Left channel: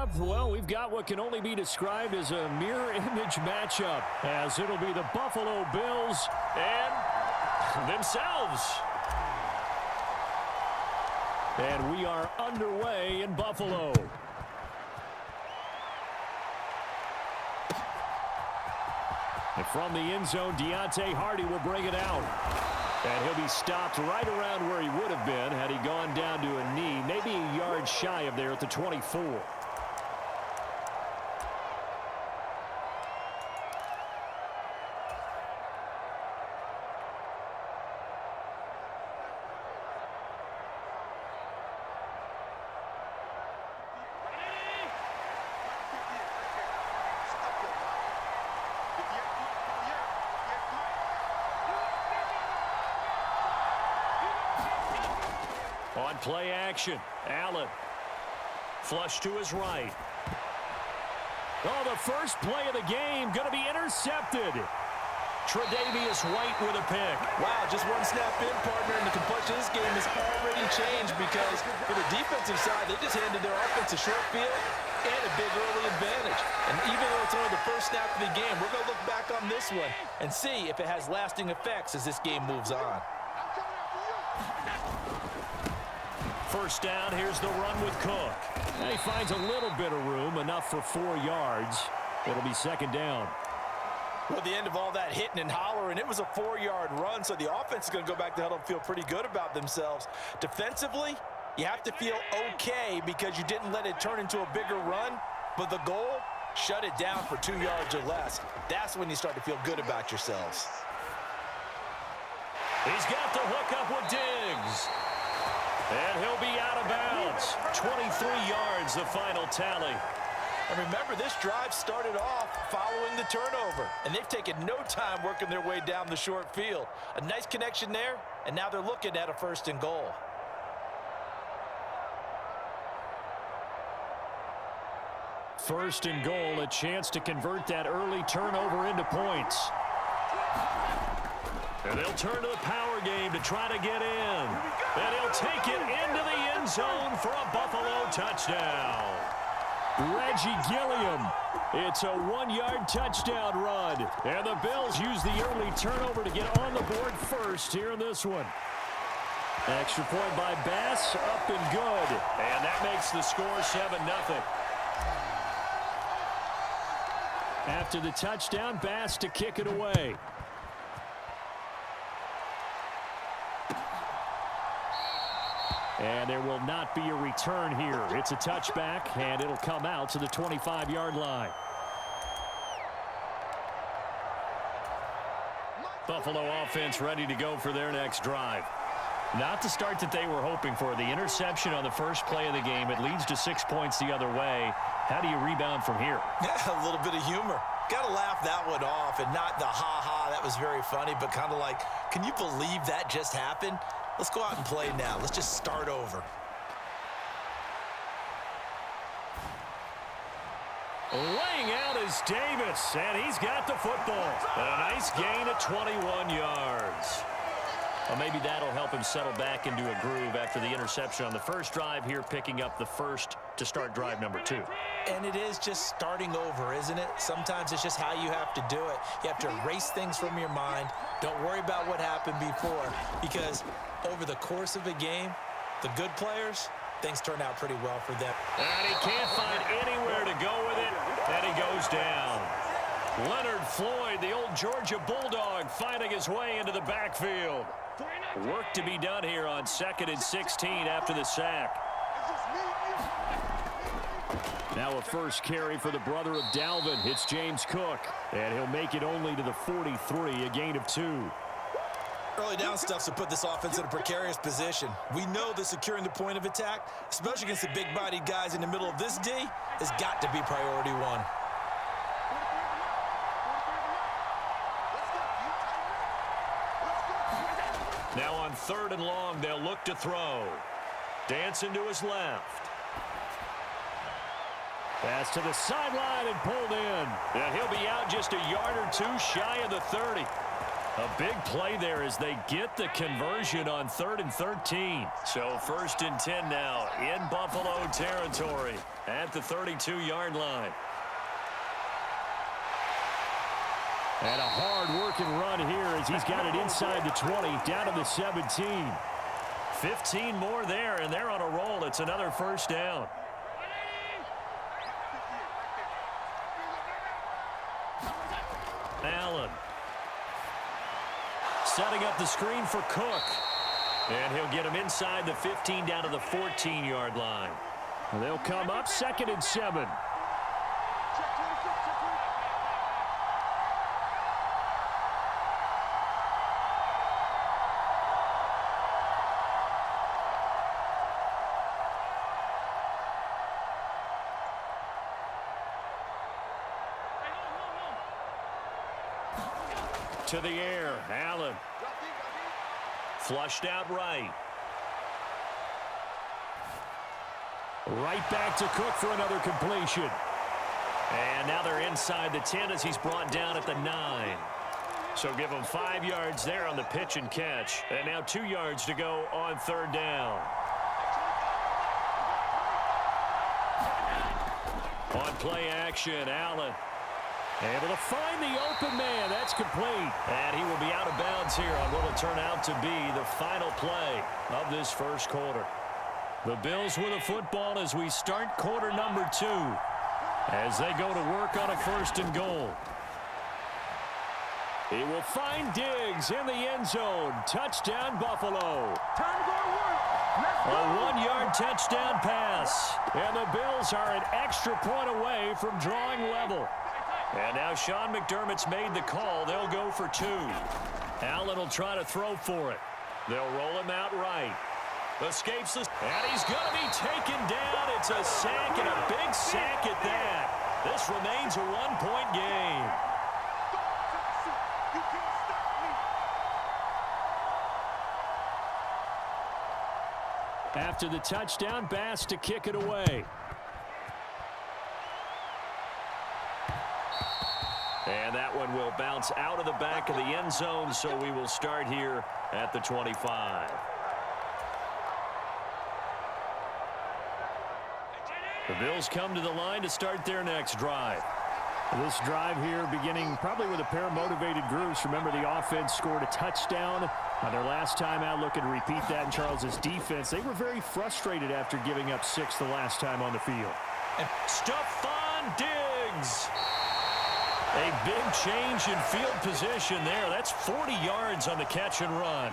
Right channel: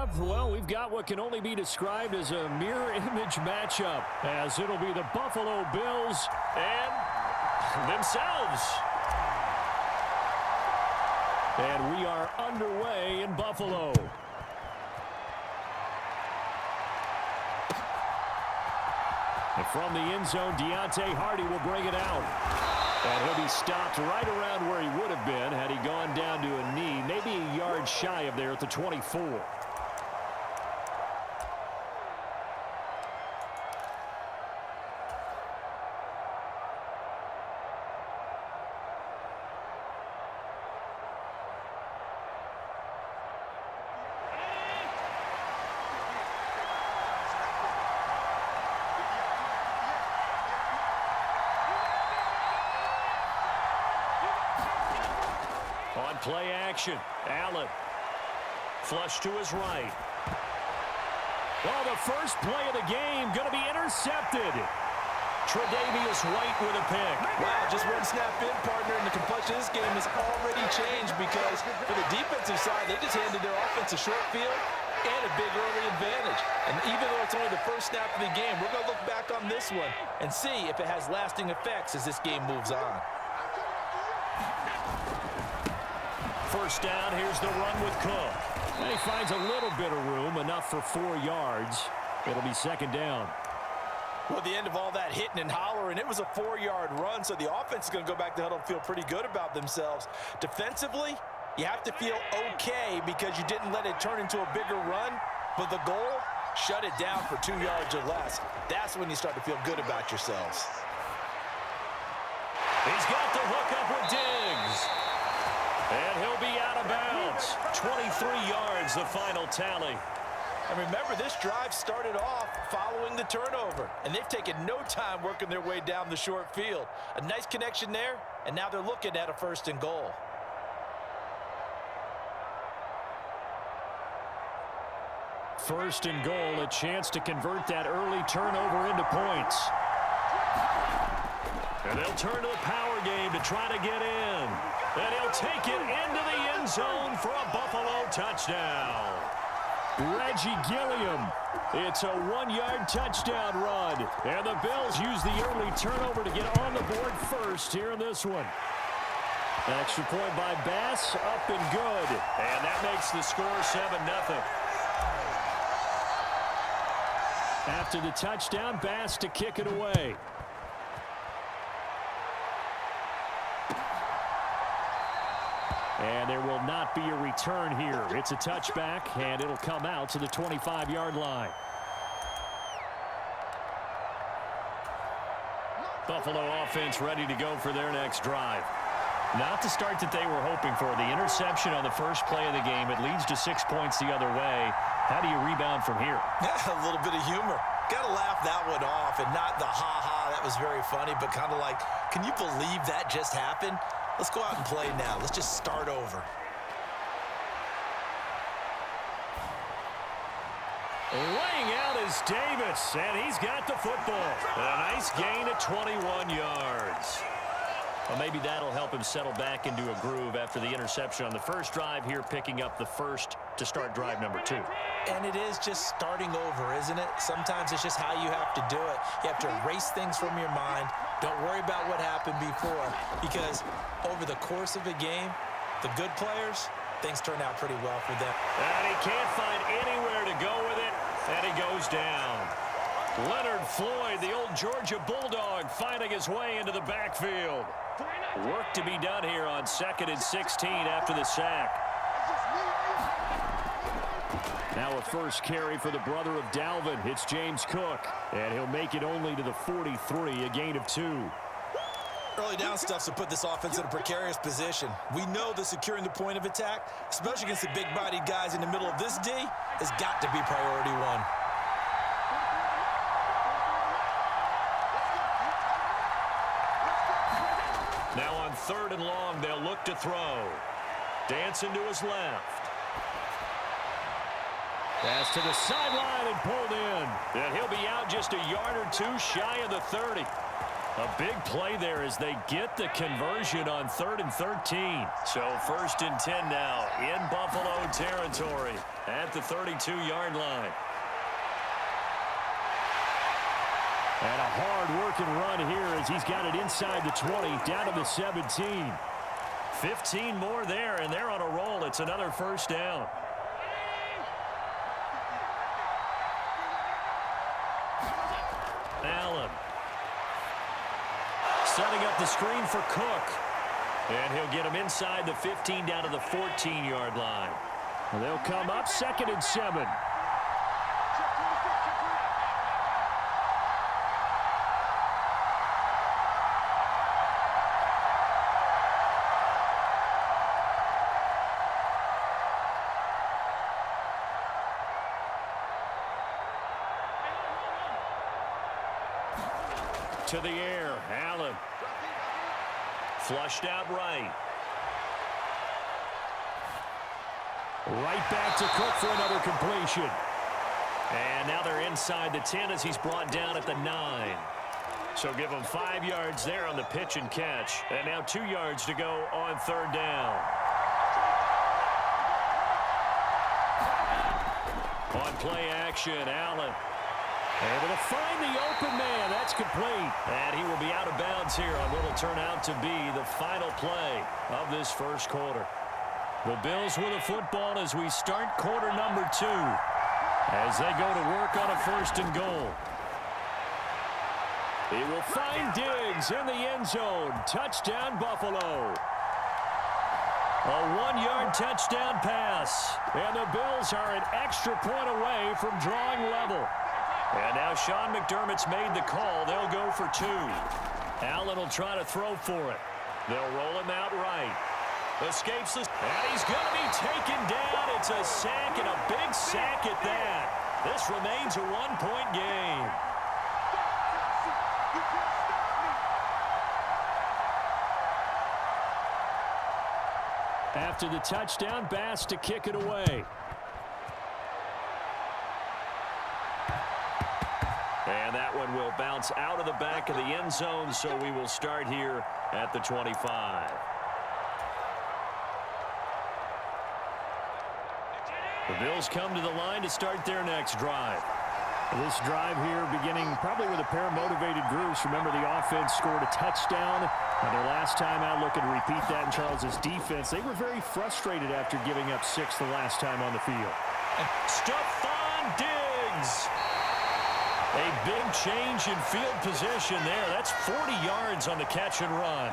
up, well, we've got what can only be described as a mirror image matchup, as it'll be the Buffalo Bills and themselves. And we are underway in Buffalo. And from the end zone, Deontay Hardy will bring it out. And he'll be stopped right around where he would have been had he gone down to a knee, maybe a yard shy of there at the 24. On play action, Allen. Flush to his right. Oh, the first play of the game going to be intercepted. Tre'Davious White with a pick. Wow, just one snap in, partner, and the complexion of this game has already changed because for the defensive side, they just handed their offense a short field and a big early advantage. And even though it's only the first snap of the game, we're going to look back on this one and see if it has lasting effects as this game moves on. First down, here's the run with Cook. And he finds a little bit of room, enough for 4 yards. It'll be second down. Well, the end of all that hitting and hollering, it was a 4-yard run, so the offense is going to go back to huddle and feel pretty good about themselves. Defensively, you have to feel okay because you didn't let it turn into a bigger run, but the goal, shut it down for 2 yards or less. That's when you start to feel good about yourselves. He's got the hook up with Diggs. And he'll be out of bounds. 23 yards, the final tally. And remember, this drive started off following the turnover, and they've taken no time working their way down the short field. A nice connection there, and now they're looking at a 1st and goal. First and goal, a chance to convert that early turnover into points. And they'll turn to the power game to try to get in. And he'll take it into the end zone for a Buffalo touchdown. Reggie Gilliam. It's a 1-yard touchdown run. And the Bills use the early turnover to get on the board first here in this one. Extra point by Bass, up and good. And that makes the score 7-0. After the touchdown, Bass to kick it away. And there will not be a return here. It's a touchback, and it'll come out to the 25-yard line. Buffalo offense ready to go for their next drive. Not the start that they were hoping for. The interception on the first play of the game. It leads to 6 points the other way. How do you rebound from here? Yeah, a little bit of humor. Got to laugh that one off, and not the ha-ha, that was very funny, but kind of like, can you believe that just happened? Let's go out and play now. Let's just start over. Laying out is Davis, and he's got the football. A nice gain at 21 yards. Well, maybe that'll help him settle back into a groove after the interception on the first drive here, picking up the first to start drive number 2. And it is just starting over, isn't it? Sometimes it's just how you have to do it. You have to erase things from your mind. Don't worry about what happened before, because over the course of a game, the good players, things turn out pretty well for them. And he can't find anywhere to go with it, and he goes down. Leonard Floyd, the old Georgia Bulldog, finding his way into the backfield. Work to be done here on 2nd and 16 after the sack. Now a first carry for the brother of Dalvin. It's James Cook, and he'll make it only to the 43, a gain of 2. Early down stuff to put this offense in a precarious position. We know that securing the point of attack, especially against the big-bodied guys in the middle of this D, has got to be priority 1. Now on 3rd and long, they'll look to throw. Dancing to his left. Pass to the sideline and pulled in. And he'll be out just a yard or 2 shy of the 30. A big play there as they get the conversion on 3rd and 13. So 1st and 10 now in Buffalo territory at the 32-yard line. And a hard-working run here as he's got it inside the 20, down to the 17. 15 more there, and they're on a roll. It's another first down. Allen. Setting up the screen for Cook. And he'll get him inside the 15 down to the 14-yard line. They'll come up 2nd and 7. To the air, Allen. Flushed out right. Right back to Cook for another completion. And now they're inside the 10 as he's brought down at the 9. So give him 5 yards there on the pitch and catch. And now 2 yards to go on 3rd down. On play action, Allen. Able to find the open man. That's complete. And he will be out of bounds here on what will turn out to be the final play of this first quarter. The Bills with the football as we start quarter number 2. As they go to work on a 1st and goal. He will find Diggs in the end zone. Touchdown, Buffalo. A 1-yard touchdown pass. And the Bills are an extra point away from drawing level. And now Sean McDermott's made the call. They'll go for 2. Allen will try to throw for it. They'll roll him out right. Escapes the... And he's going to be taken down. It's a sack, and a big sack at that. This remains a 1-point game. After the touchdown, Bass to kick it away. And that one will bounce out of the back of the end zone, so we will start here at the 25. The Bills come to the line to start their next drive. This drive here beginning probably with a pair of motivated groups. Remember, the offense scored a touchdown on their last time out. Looking to repeat that in Charles's defense. They were very frustrated after giving up 6 the last time on the field. And Stephon Diggs. A big change in field position there. That's 40 yards on the catch and run.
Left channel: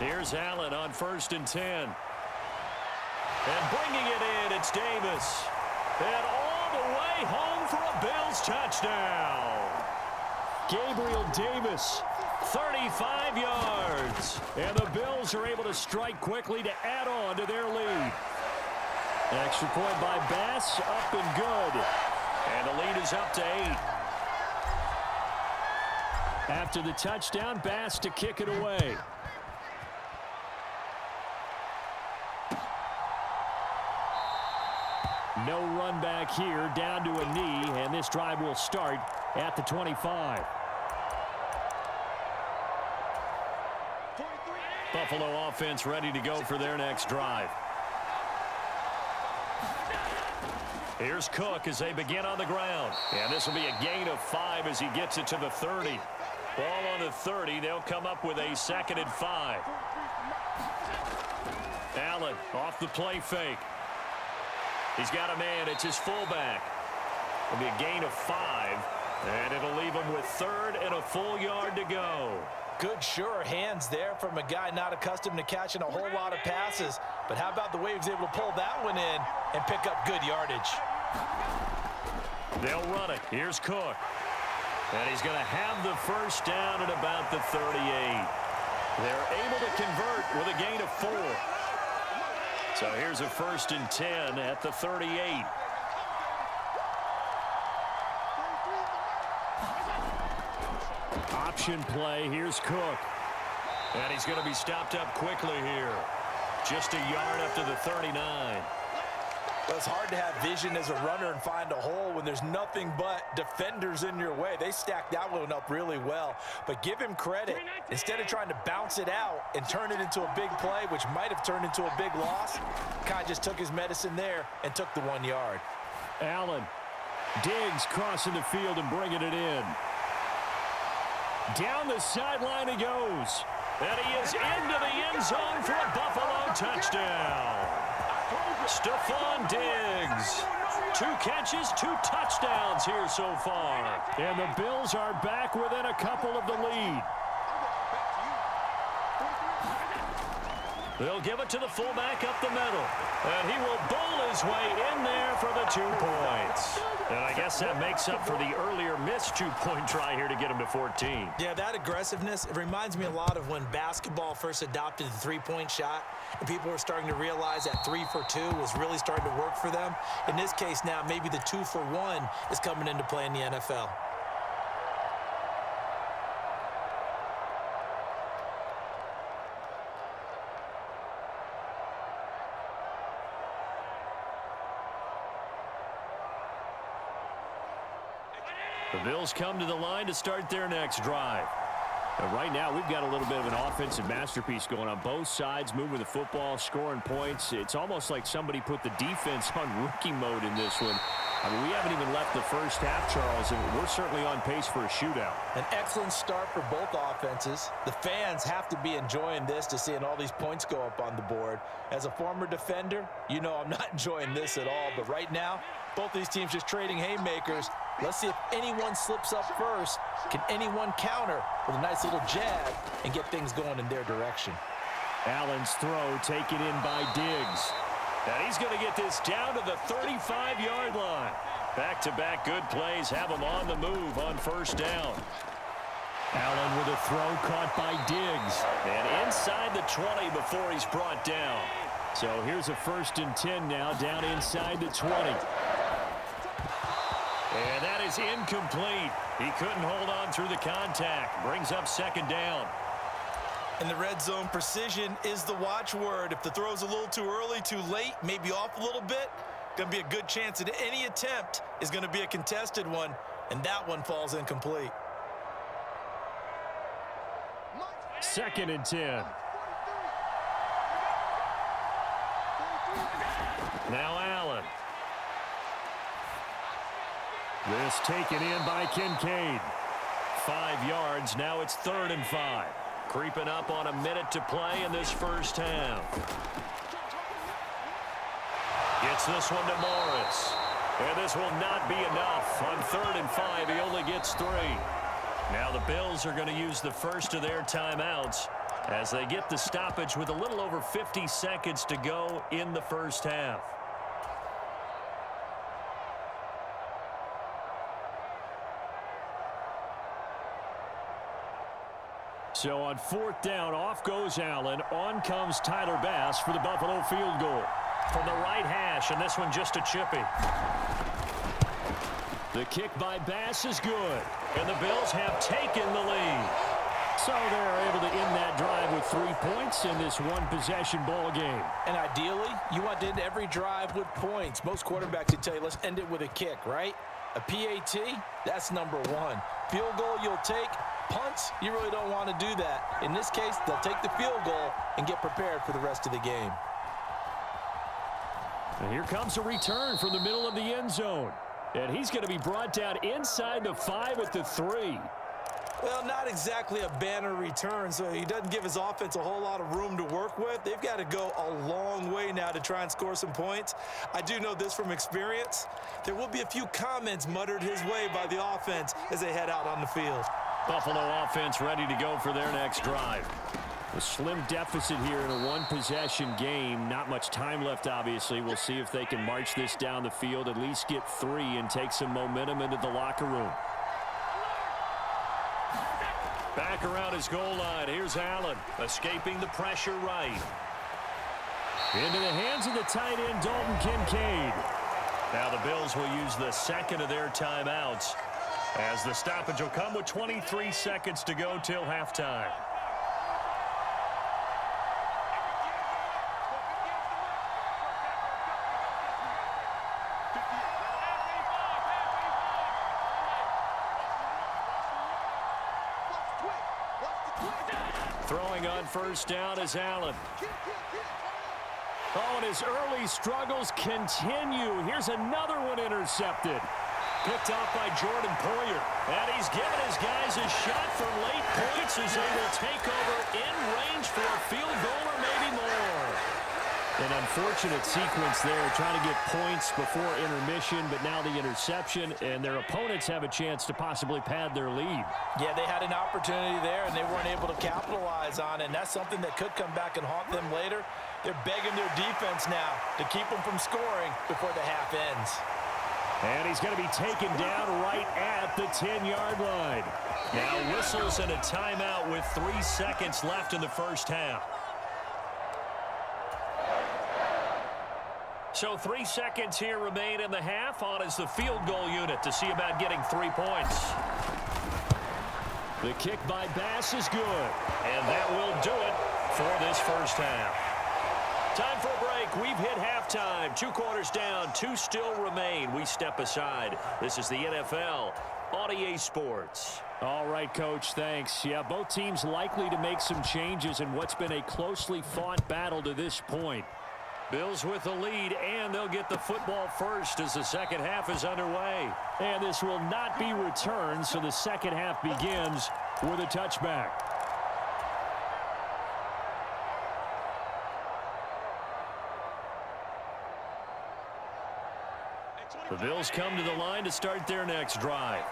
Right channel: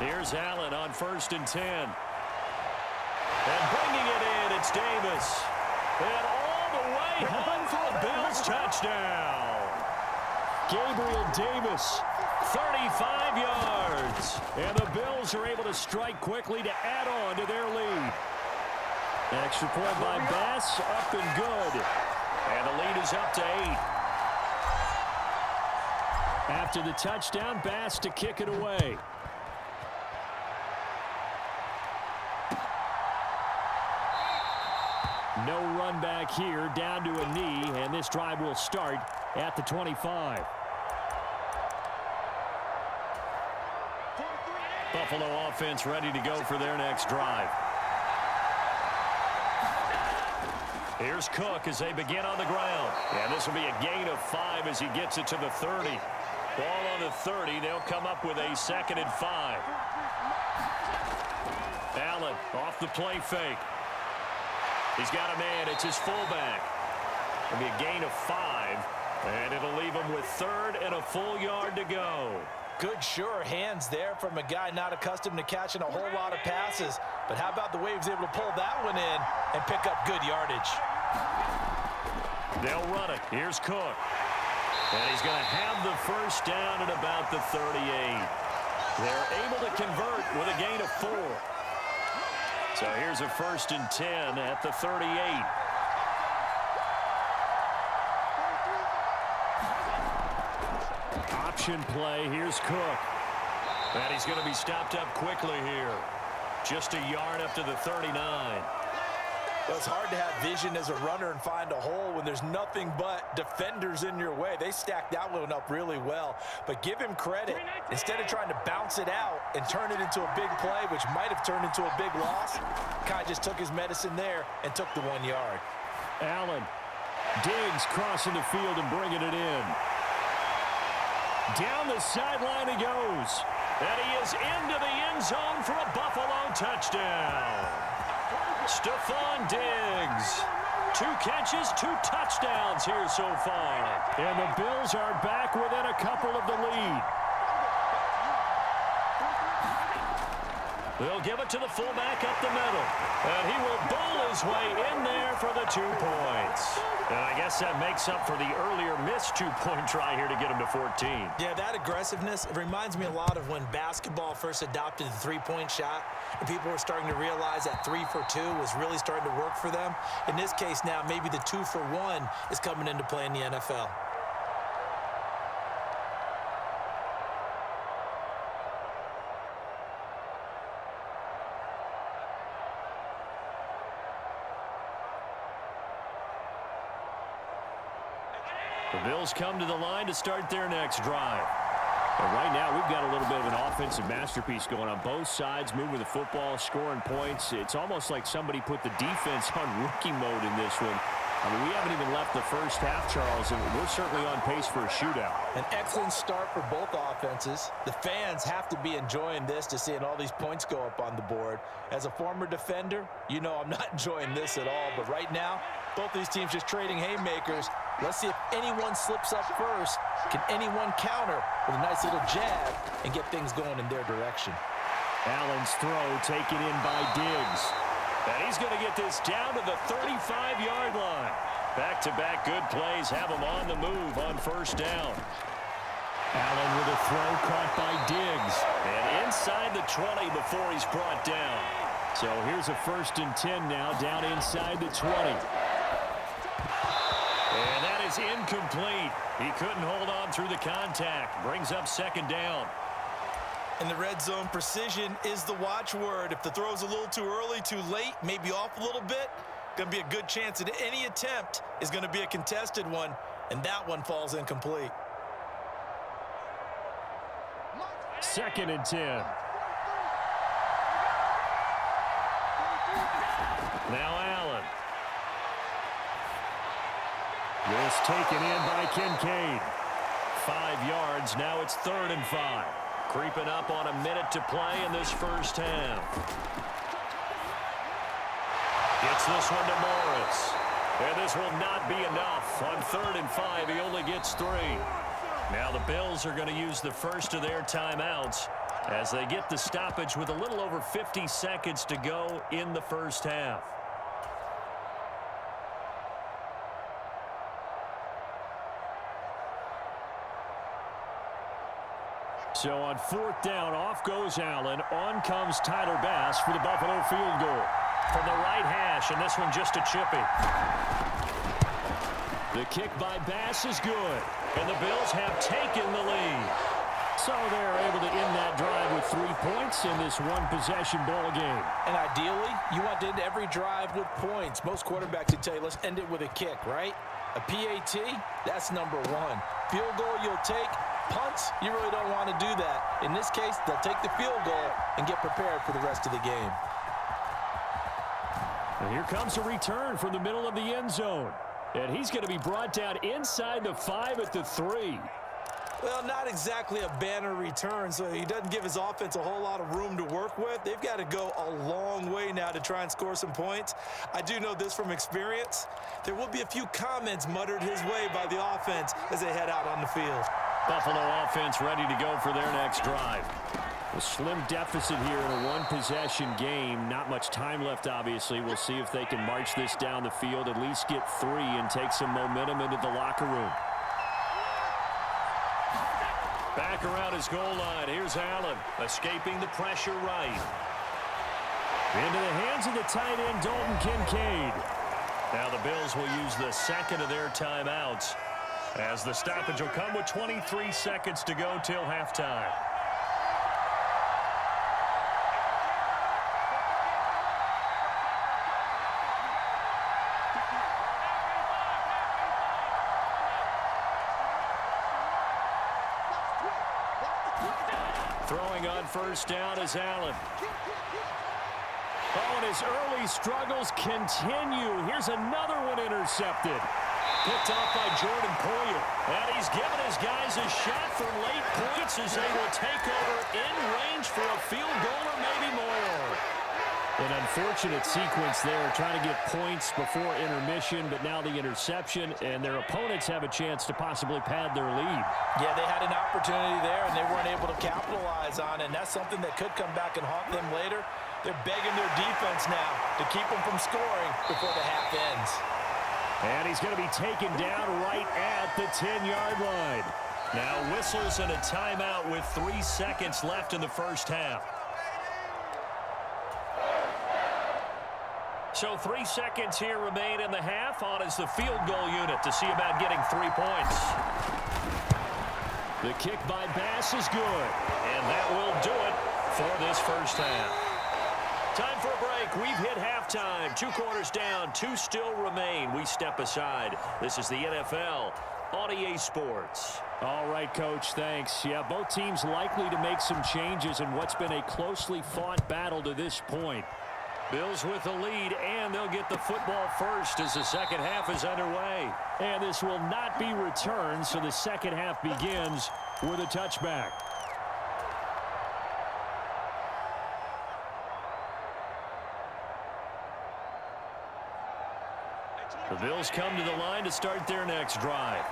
Here's Allen on 1st and 10. And bringing it in, it's Davis. And all the way home for a Bills touchdown. Gabriel Davis, 35 yards. And the Bills are able to strike quickly to add on to their lead. Extra point by Bass, up and good. And the lead is up to 8. After the touchdown, Bass to kick it away. No run back here, down to a knee, and this drive will start at the 25. Buffalo offense ready to go for their next drive. Here's Cook as they begin on the ground. And this will be a gain of 5 as he gets it to the 30. Ball on the 30. They'll come up with a 2nd and 5. Allen off the play fake. He's got a man. It's his fullback. It'll be a gain of 5. And it'll leave him with 3rd and a full yard to go. Good, sure hands there from a guy not accustomed to catching a whole lot of passes. But how about the way he was able to pull that one in and pick up good yardage? They'll run it. Here's Cook. And he's going to have the first down at about the 38. They're able to convert with a gain of 4. So here's a 1st and 10 at the 38. Option play. Here's Cook. And he's going to be stopped up quickly here. Just a yard up to the 39. Well, it's hard to have vision as a runner and find a hole when there's nothing but defenders in your way. They stacked that one up really well. But give him credit. Instead of trying to bounce it out and turn it into a big play, which might have turned into a big loss, Kai just took his medicine there and took the 1 yard. Allen. Diggs crossing the field and bringing it in. Down the sideline he goes. And he is into the end zone for a Buffalo touchdown. Stephon Diggs. 2 catches, 2 touchdowns here so far. And the Bills are back within a couple of the lead. They'll give it to the fullback up the middle. And he will bowl his way in there for the 2 points. And I guess that makes up for the earlier missed 2-point try here to get him to 14. Yeah, that aggressiveness, it reminds me a lot of when basketball first adopted the 3-point shot and people were starting to realize that 3 for 2 was really starting to work for them. In this case now, maybe the 2 for 1 is coming into play in the NFL. The Bills come to the line to start their next drive. And right now, we've got a little bit of an offensive masterpiece going on both sides, moving the football, scoring points. It's almost like somebody put the defense on rookie mode in this one. I mean, we haven't even left the first half, Charles, and we're certainly on pace for a shootout. An excellent start for both offenses. The fans have to be enjoying this to seeing all these points go up on the board. As a former defender, you know I'm not enjoying this at all. But right now, both these teams just trading haymakers. Let's see if anyone slips up first. Can anyone counter with a nice little jab and get things going in their direction? Allen's throw taken in by Diggs. And he's going to get this down to the 35-yard line. Back-to-back good plays have him on the move on first down. Allen with a throw caught by Diggs. And inside the 20 before he's brought down. So here's a 1st and 10 now, down inside the 20. And that is incomplete. He couldn't hold on through the contact. Brings up 2nd down. In the red zone, precision is the watchword. If the throw's a little too early, too late, maybe off a little bit, going to be a good chance that any attempt is going to be a contested one, and that one falls incomplete. 2nd and 10. Now Allen. This taken in by Kincaid. 5 yards. Now it's 3rd and 5. Creeping up on a minute to play in this first half. Gets this one to Morris. And this will not be enough. On 3rd and 5, he only gets 3. Now the Bills are going to use the first of their timeouts as they get the stoppage with a little over 50 seconds to go in the first half. So on 4th down, off goes Allen. On comes Tyler Bass for the Buffalo field goal. From the right hash, and this one just a chippy. The kick by Bass is good. And the Bills have taken the lead. So they're able to end that drive with 3 points in this one-possession ball game. And ideally, you want to end every drive with points. Most quarterbacks would tell you, let's end it with a kick, right? A PAT, that's number 1. Field goal you'll take. Punts, you really don't want to do that. In this case, they'll take the field goal and get prepared for the rest of the game. And here comes a return from the middle of the end zone. And he's going to be brought down inside the 5 at the 3. Well, not exactly a banner return, so he doesn't give his offense a whole lot of room to work with. They've got to go a long way now to try and score some points. I do know this from experience. There will be a few comments muttered his way by the offense as they head out on the field. Buffalo offense ready to go for their next drive. A slim deficit here in a one-possession game. Not much time left, obviously. We'll see if they can march this down the field, at least get 3 and take some momentum into the locker room. Back around his goal line. Here's Allen, escaping the pressure right. Into the hands of the tight end, Dalton Kincaid. Now the Bills will use the 2nd of their timeouts, as the stoppage will come with 23 seconds to go till halftime. Throwing on first down is Allen. Oh, and his early struggles continue. Here's another one intercepted. Picked off by Jordan Poyer. And he's given his guys a shot for late points as they will take over in range for a field goal or maybe more. An unfortunate sequence there, trying to get points before intermission, but now the interception, and their opponents have a chance to possibly pad their lead. Yeah, they had an opportunity there, and they weren't able to capitalize on it, and that's something that could come back and haunt them later. They're begging their defense now to keep them from scoring before the half ends. And he's going to be taken down right at the 10-yard line. Now whistles and a timeout with 3 seconds left in the first half. So 3 seconds here remain in the half. On is the field goal unit to see about getting 3 points. The kick by Bass is good. And that will do it for this first half. Time for a break. We've hit halftime. 2 quarters down. 2 still remain. We step aside. This is the NFL on EA Sports. All right, Coach, thanks. Yeah, both teams likely to make some changes in what's been a closely fought battle to this point. Bills with the lead, and they'll get the football first as the second half is underway. And this will not be returned, so the second half begins with a touchback. The Bills come to the line to start their next drive.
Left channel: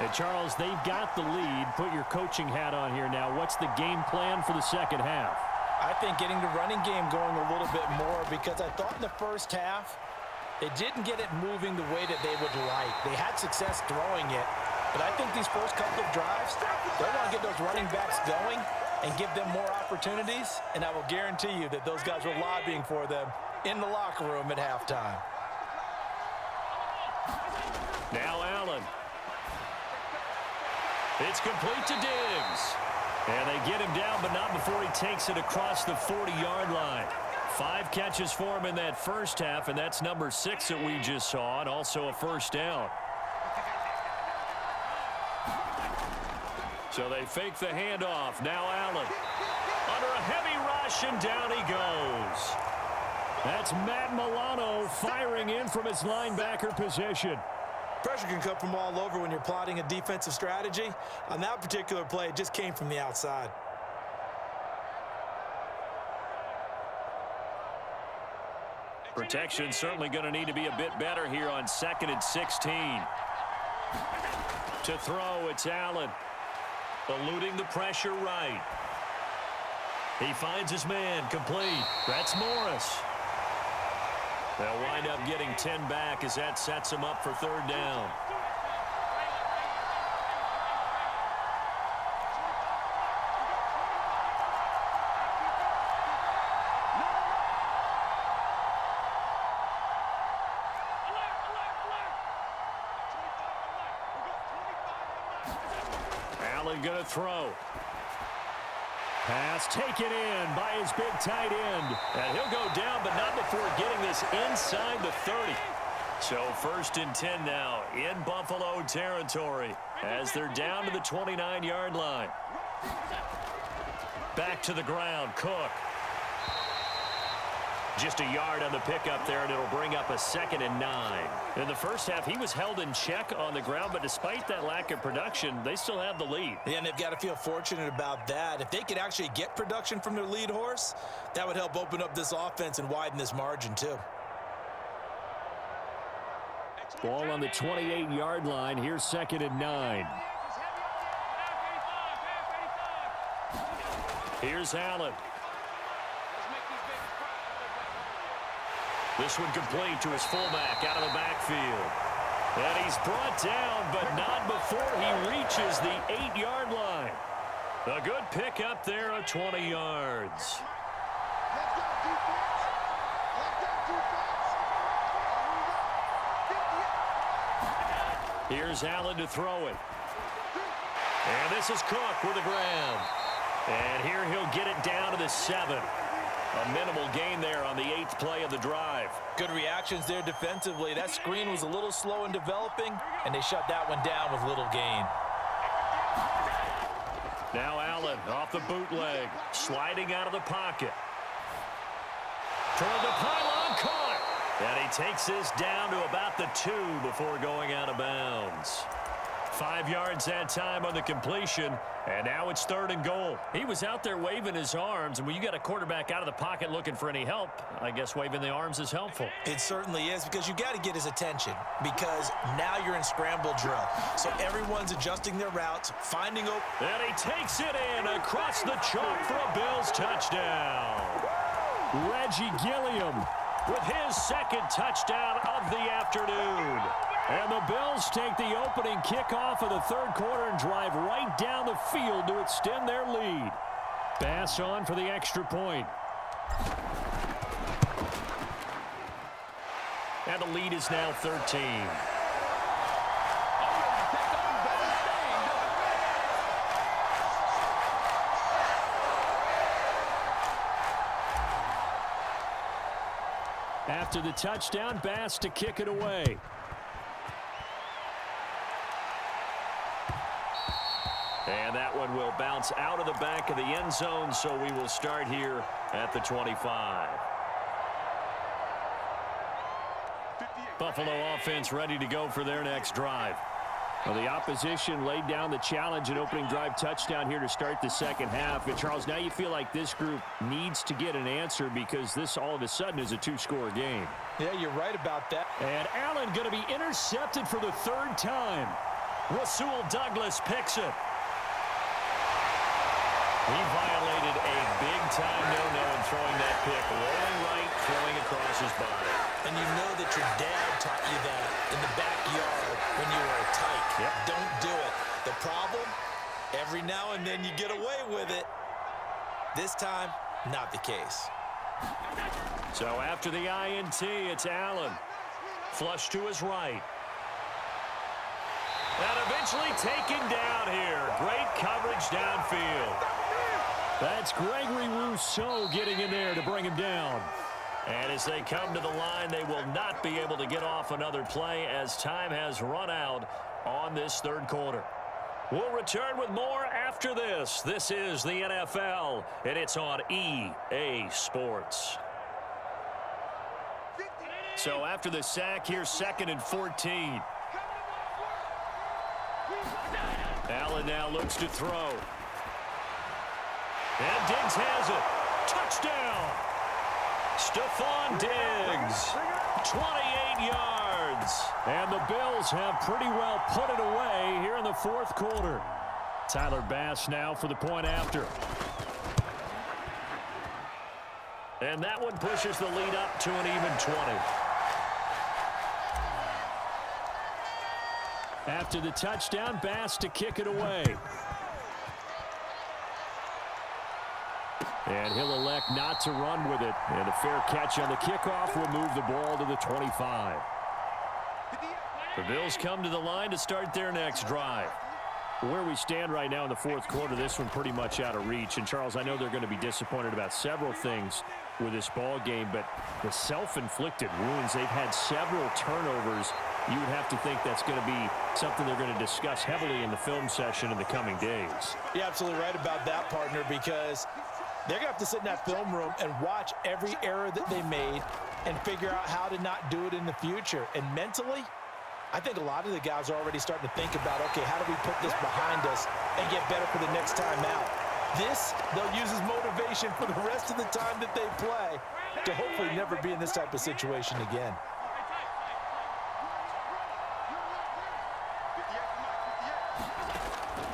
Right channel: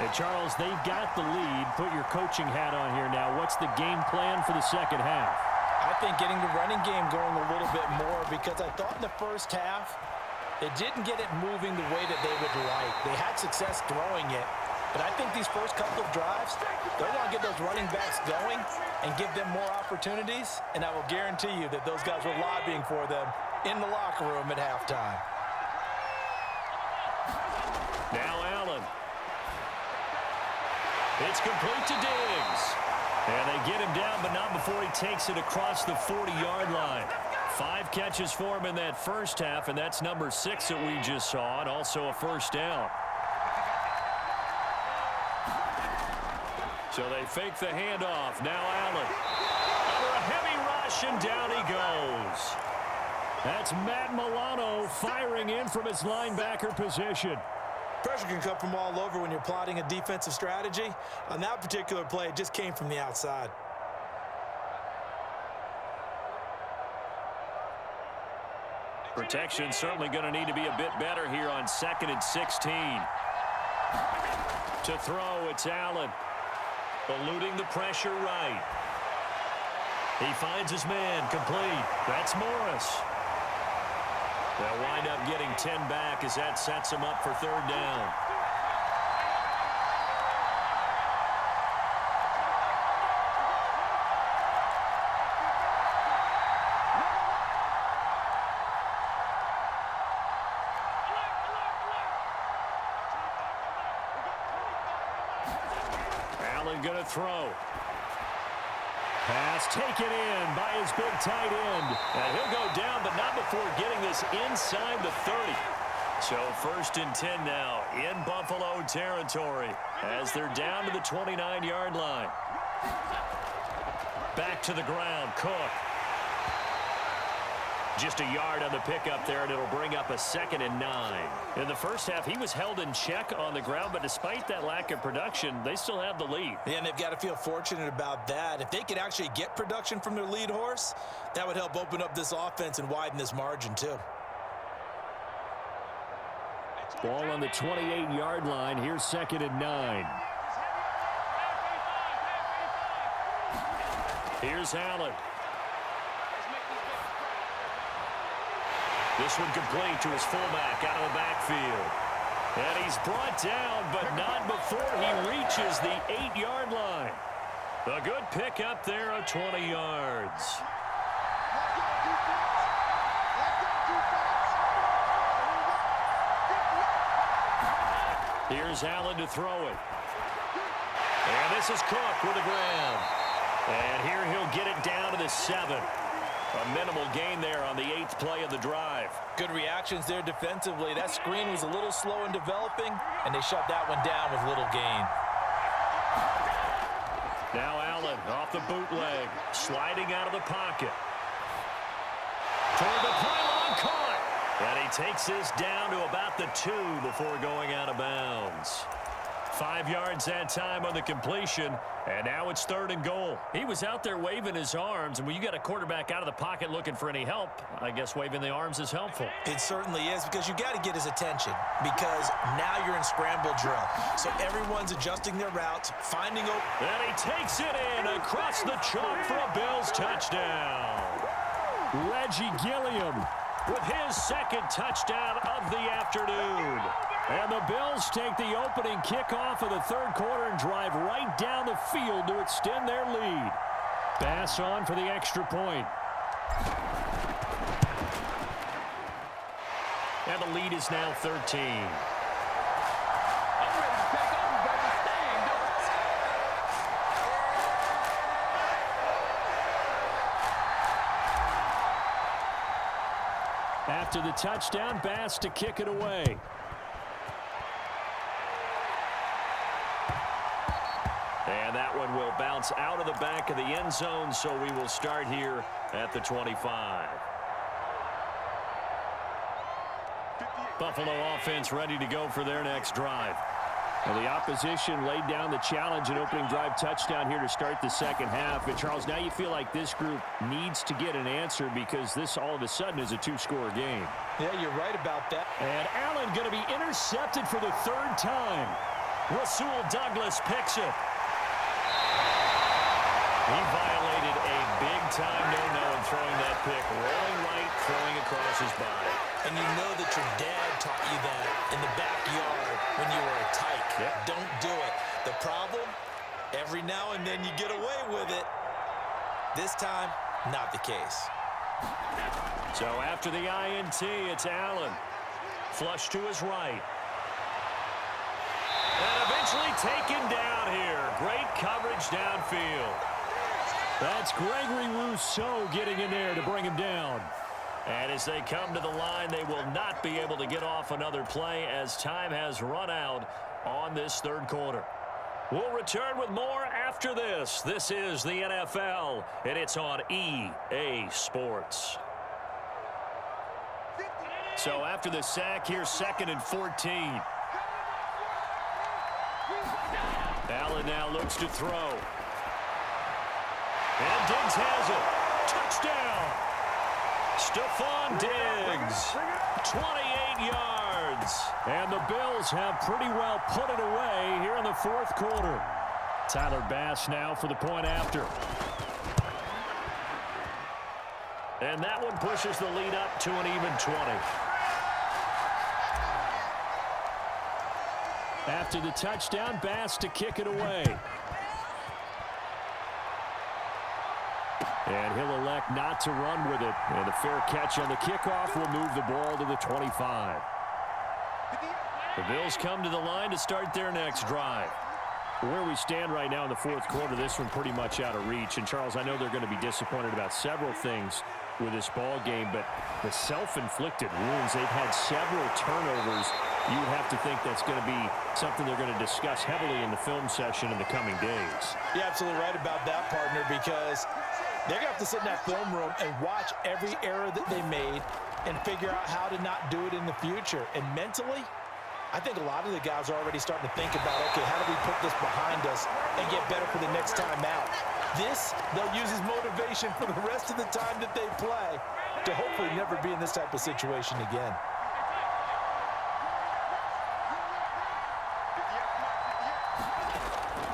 And Charles, they've got the lead. Put your coaching hat on here now. What's the game plan for the second half? I think getting the running game going a little bit more, because I thought in the first half they didn't get it moving the way that they would like. They had success throwing it, but I think these first couple of drives, they want to get those running backs going and give them more opportunities, and I will guarantee you that those guys were lobbying for them in the locker room at halftime. Now Allen. It's complete to Diggs. And they get him down, but not before he takes it across the 40-yard line. 5 catches for him in that first half, and that's number 6 that we just saw, and also a first down. So they fake the handoff. Now Allen. Under a heavy rush, and down he goes. That's Matt Milano firing in from his linebacker position. Pressure can come from all over when you're plotting a defensive strategy. On that particular play, it just came from the outside. Protection certainly going to need to be a bit better here on 2nd and 16. To throw, it's Allen. Eluding the pressure right. He finds his man, complete. That's Morris. They'll wind up getting 10 back as that sets them up for 3rd down. Allen going to throw. Pass taken in by his big tight end. And he'll go down, but not before getting this inside the 30. So 1st and 10 now in Buffalo territory as they're down to the 29-yard line. Back to the ground, Cook. Just a yard on the pickup there, and it'll bring up a 2nd and 9. In the first half, he was held in check on the ground, but despite that lack of production, they still have the lead. Yeah, and they've got to feel fortunate about that. If they could actually get production from their lead horse, that would help open up this offense and widen this margin too. Ball on the 28-yard line. Here's 2nd and 9. Here's Allen. This one complete to his fullback out of the backfield. And he's brought down, but not before he reaches the 8-yard line. A good pickup there of 20 yards. Here's Allen to throw it. And this is Cook with the ground. And here he'll get it down to the 7. A minimal gain there on the 8th play of the drive. Good reactions there defensively. That screen was a little slow in developing, and they shut that one down with little gain. Now Allen off the bootleg, sliding out of the pocket. Toward the pylon, caught. And he takes this down to about the 2 before going out of bounds. 5 yards that time on the completion, and now it's 3rd and goal. He was out there waving his arms, and when you got a quarterback out of the pocket looking for any help, I guess waving the arms is helpful. It certainly is, because you got to get his attention, because now you're in scramble drill. So everyone's adjusting their routes, finding open. And he takes it in across the chalk for a Bills touchdown. Reggie Gilliam with his 2nd touchdown of the afternoon. And the Bills take the opening kickoff of the 3rd quarter and drive right down the field to extend their lead. Pass on for the extra point. And the lead is now 13. I'm ready to take over, baby. Stay ain't doing it. After the touchdown, Bass to kick it away. And that one will bounce out of the back of the end zone, so we will start here at the 25. Buffalo offense ready to go for their next drive. Well, the opposition laid down the challenge and opening drive touchdown here to start the 2nd half. And, Charles, now you feel like this group needs to get an answer because this all of a sudden is a 2-score game. Yeah, you're right about that. And Allen going to be intercepted for the 3rd time. Rasul Douglas picks it. He violated a big-time no-no in throwing that pick, rolling right, throwing across his body. And you know that your dad taught you that in the backyard when you were a tyke. Yep. Don't do it. The problem, every now and then you get away with it. This time, not the case. So after the INT, it's Allen. Flush to his right. And eventually taken down here. Great coverage downfield. That's Gregory Rousseau getting in there to bring him down. And as they come to the line, they will not be able to get off another play as time has run out on this 3rd quarter. We'll return with more after this. This is the NFL, and it's on EA Sports. So after the sack, here's 2nd and 14. Allen now looks to throw. And Diggs has it. Touchdown. Stephon Diggs. 28 yards. And the Bills have pretty well put it away here in the 4th quarter. Tyler Bass now for the point after. And that one pushes the lead up to an even 20. After the touchdown, Bass to kick it away. And he'll elect not to run with it. And the fair catch on the kickoff will move the ball to the 25. The Bills come to the line to start their next drive. Where we stand right now in the 4th quarter, this one pretty much out of reach. And, Charles, I know they're going to be disappointed about several things with this ball game, but the self-inflicted wounds, they've had several turnovers. You would have to think that's going to be something they're going to discuss heavily in the film session in the coming days. You're absolutely right about that, partner, because they're going to have to sit in that film room and watch every error that they made and figure out how to not do it in the future. And mentally, I think a lot of the guys are already starting to think about, okay, how do we put this behind us and get better for the next time out? This, they'll use as motivation for the rest of the time that they play to hopefully never be in this type of situation again.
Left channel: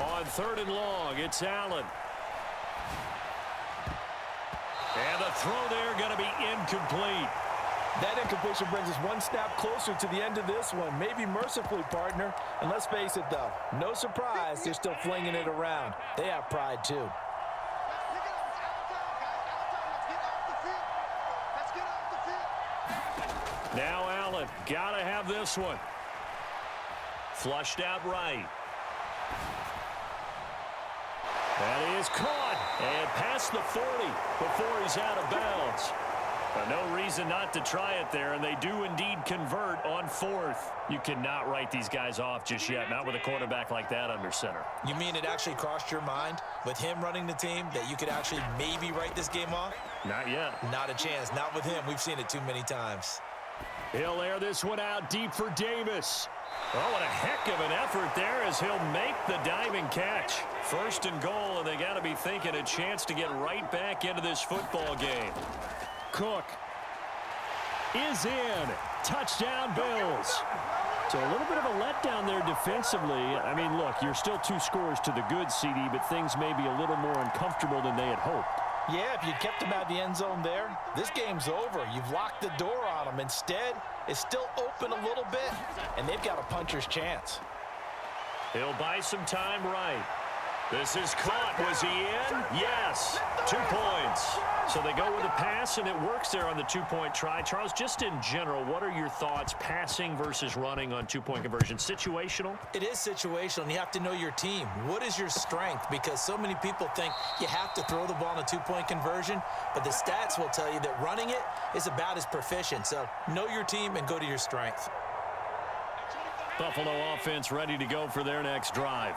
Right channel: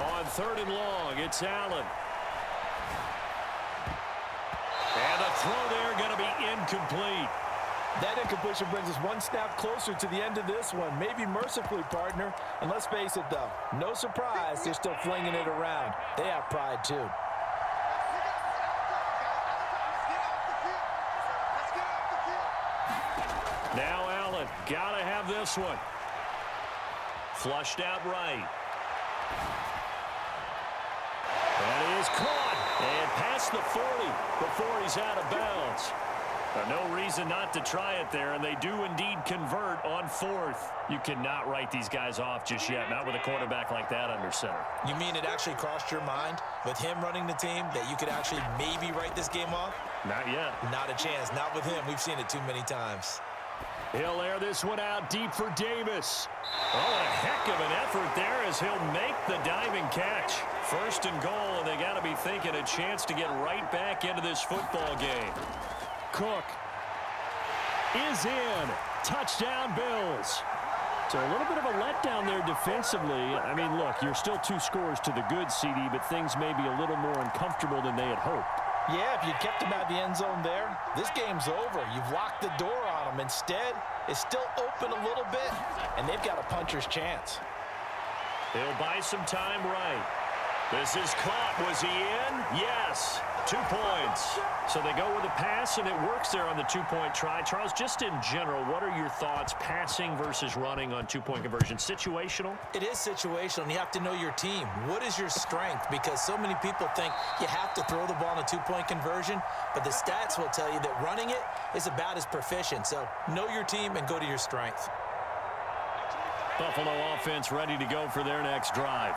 On 3rd and long, it's Allen. And the throw there going to be incomplete. That incompletion brings us one snap closer to the end of this one. Maybe mercifully, partner. And let's face it, though, no surprise, they're still flinging it around. They have pride, too. Now Allen, gotta have this one. Flushed out right. That is caught and past the 40 before he's out of bounds. No reason not to try it there, and they do indeed convert on 4th. You cannot write these guys off just yet, not with a quarterback like that under center. You mean it actually crossed your mind with him running the team that you could actually maybe write this game off? Not yet. Not a chance. Not with him. We've seen it too many times. He'll air this one out deep for Davis. Oh, what a heck of an effort there as he'll make the diving catch. 1st and goal, and they got to be thinking a chance to get right back into this football game. Cook is in. Touchdown, Bills. So a little bit of a letdown there defensively. I mean, look, you're still 2 scores to the good, CD, but things may be a little more uncomfortable than they had hoped. Yeah, if you kept him out of the end zone there, this game's over. You've locked the door on him. Instead, it's still open a little bit, and they've got a puncher's chance. He'll buy some time right. This is caught. Was he in? Yes. 2 points. So they go with a pass, and it works there on the 2-point try. Charles, just in general, what are your thoughts passing versus running on 2-point conversion? Situational? It is situational, and you have to know your team. What is your strength? Because so many people think you have to throw the ball in a 2-point conversion, but the stats will tell you that running it is about as proficient. So know your team and go to your strength. Buffalo offense ready to go for their next drive.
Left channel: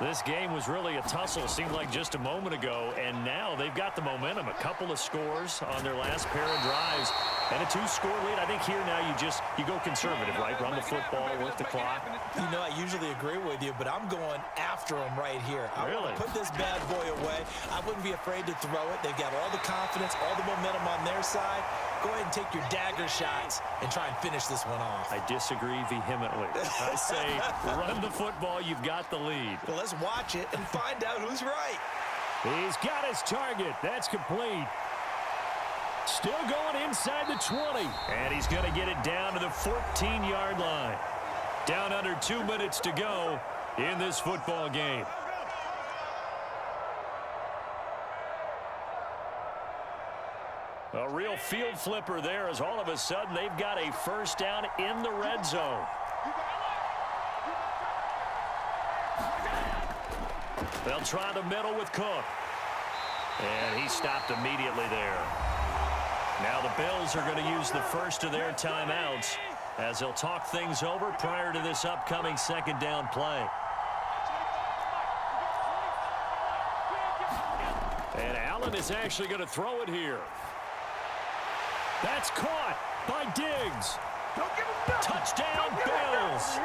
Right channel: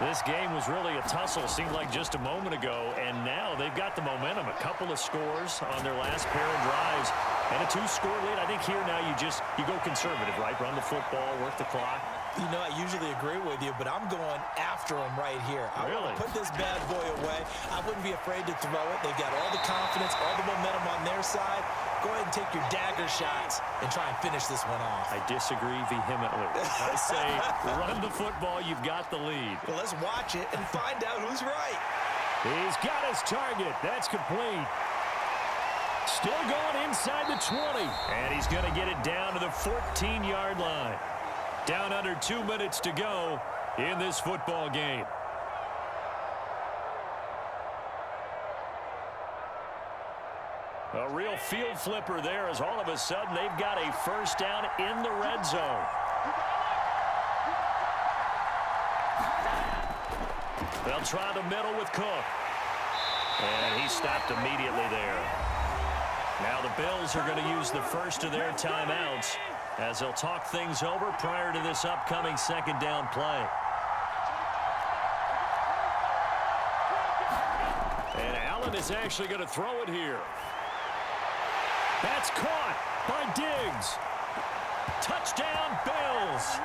This game was really a tussle, seemed like just a moment ago, and now they've got the momentum. A couple of scores on their last pair of drives, and a 2-score lead. I think here now you go conservative, right? Run the football, work the clock. You know, I usually agree with you, but I'm going after him right here. I really want to put this bad boy away. I wouldn't be afraid to throw it. They've got all the confidence, all the momentum on their side. Go ahead and take your dagger shots and try and finish this one off. I disagree vehemently. I say run the football. You've got the lead. Well, let's watch it and find out who's right. He's got his target. That's complete. Still going inside the 20. And he's going to get it down to the 14-yard line. Down under 2 minutes to go in this football game. A real field flipper there as all of a sudden they've got a first down in the red zone. They'll try the middle with Cook. And he stopped immediately there. Now the Bills are going to use the first of their timeouts as they'll talk things over prior to this upcoming 2nd down play. And Allen is actually going to throw it here. That's caught by Diggs. Touchdown, Bills.